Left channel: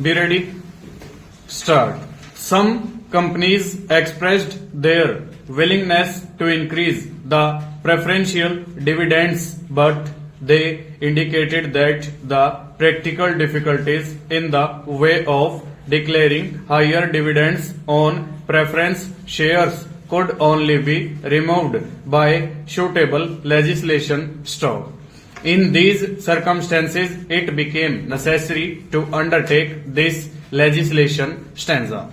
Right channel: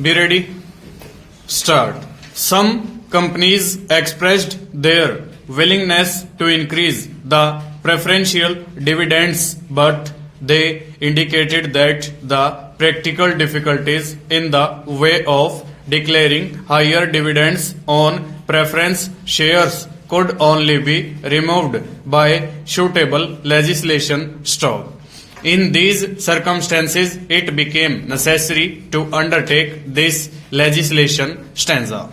Be ready? Start. Some companies expressed their willingness to increase the preferential dividends, but they indicated that the practical difficulties in the way of declaring higher dividends on preference shares could only be removed by suitable legislation. Stop. In these circumstances, it became necessary to undertake this legislation stanza.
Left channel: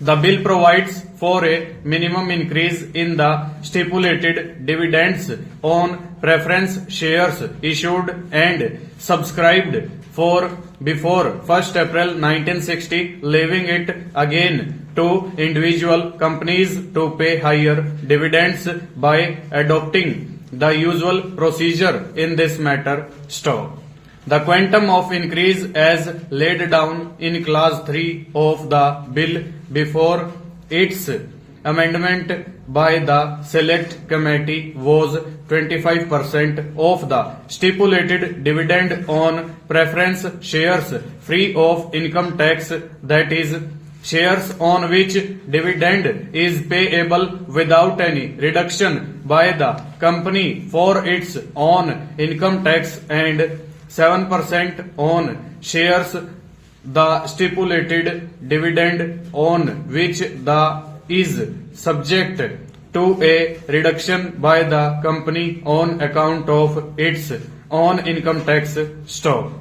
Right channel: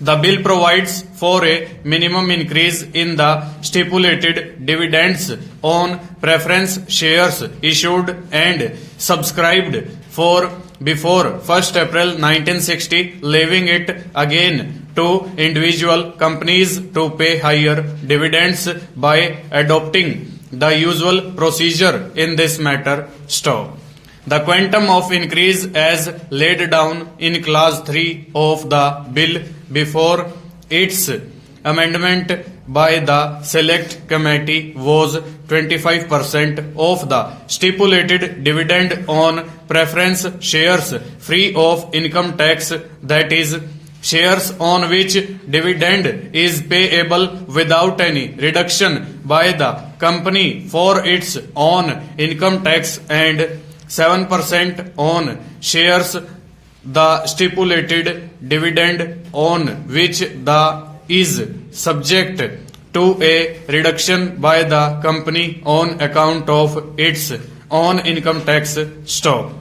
The bill provides for a minimum increase in the stipulated dividends on preference shares issued and subscribed for before 1st April 1960, leaving it again to individual companies to pay higher dividends by adopting the usual procedure in this matter. Stop. The quantum of increase as laid down in clause 3 of the bill before its amendment by the select committee was 25% of the stipulated dividend on preference shares free of income tax, that is, shares on which dividend is payable without any reduction by the company for its own income tax, and 7% on shares the stipulated dividend on which the is subject to a reduction by the company on account of its own income tax. Stop.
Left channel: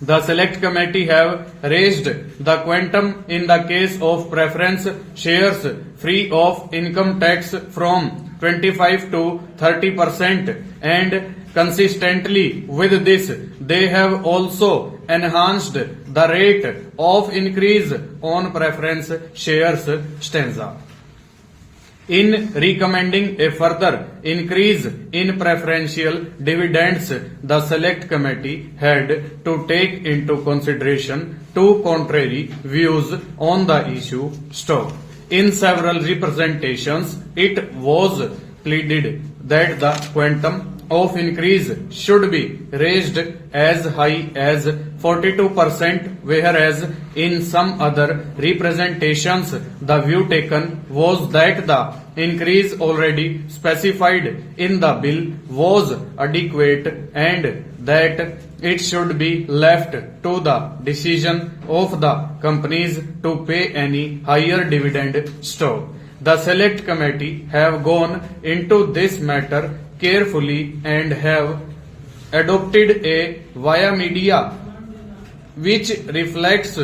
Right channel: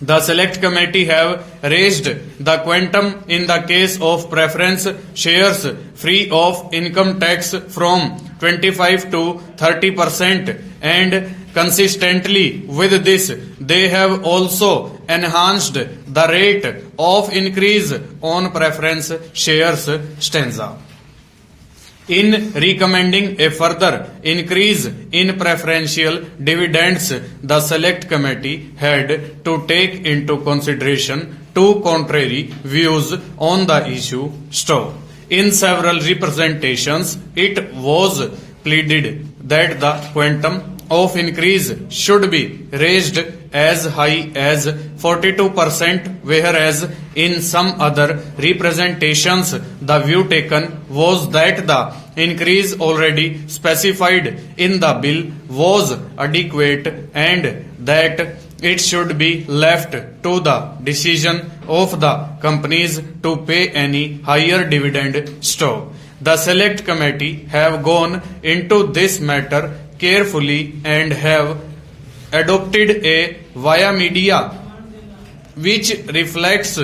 The select committee have raised the quantum in the case of preference shares free of income tax from 25 to 30%, and consistently with this, they have also enhanced the rate of increase on preference shares. Stanza. In recommending a further increase in preferential dividends, the select committee had to take into consideration two contrary views on the issue. Stop. In several representations, it was pleaded that the quantum of increase should be raised as high as 42%, whereas in some other representations the view taken was that the increase already specified in the bill was adequate and that it should be left to the decision of the companies to pay any higher dividend. Stop. The select committee have gone into this matter carefully and have adopted a via media which reflects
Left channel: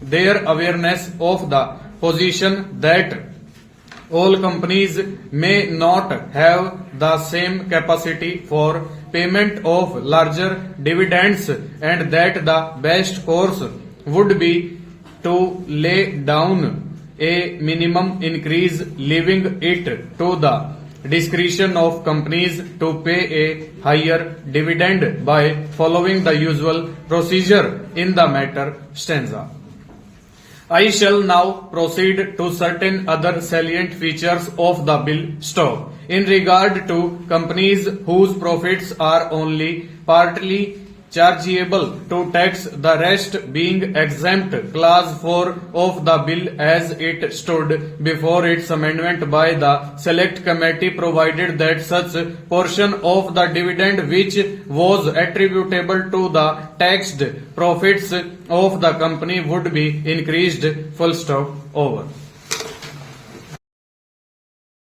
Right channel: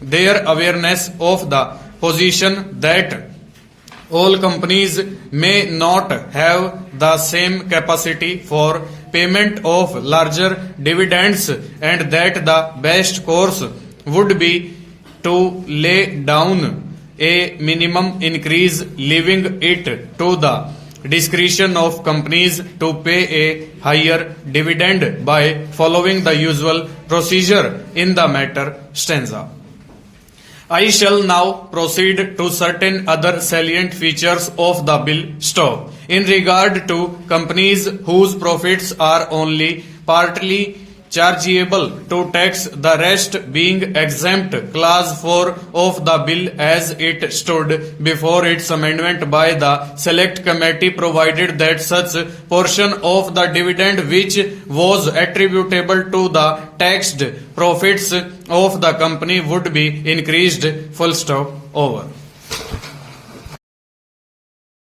their awareness of the position that all companies may not have the same capacity for payment of larger dividends, and that the best course would be to lay down a minimum increase, leaving it to the discretion of companies to pay a higher dividend by following the usual procedure in the matter. Stanza. I shall now proceed to certain other salient features of the bill. Stop. In regard to companies whose profits are only partly chargeable to tax, the rest being exempt, clause 4 of the bill as it stood before its amendment by the select committee provided that such portion of the dividend which was attributable to the taxed profits of the company would be increased. Full stop. Over.